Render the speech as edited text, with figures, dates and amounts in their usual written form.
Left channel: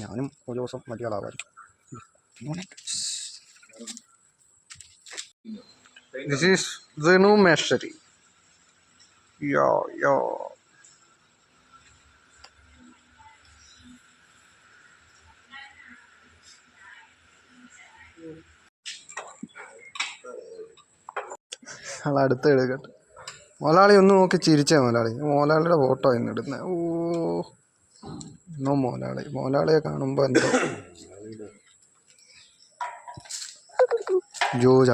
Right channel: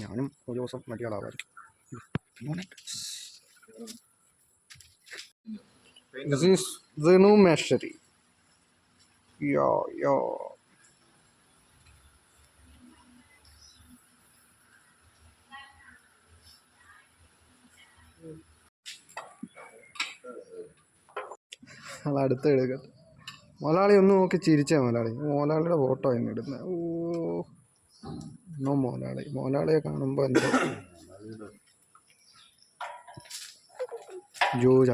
ഞാനും ഒരു ദിവസം വലിയ ആളാവായിരുന്നു. This is the new mastery. Yo. അടുത്ത് എടുക്കട്ടെ. മോലാളി ഒന്ന് നോക്കി ചിരിച്ചേ മോലാളി. മോലാളിയുടെ ഫോട്ടോ ഇന്ന് ഇടുന്നത്. ഓ മോലാളിയെ കാണുമ്പോൾ എന്തോ ജോജ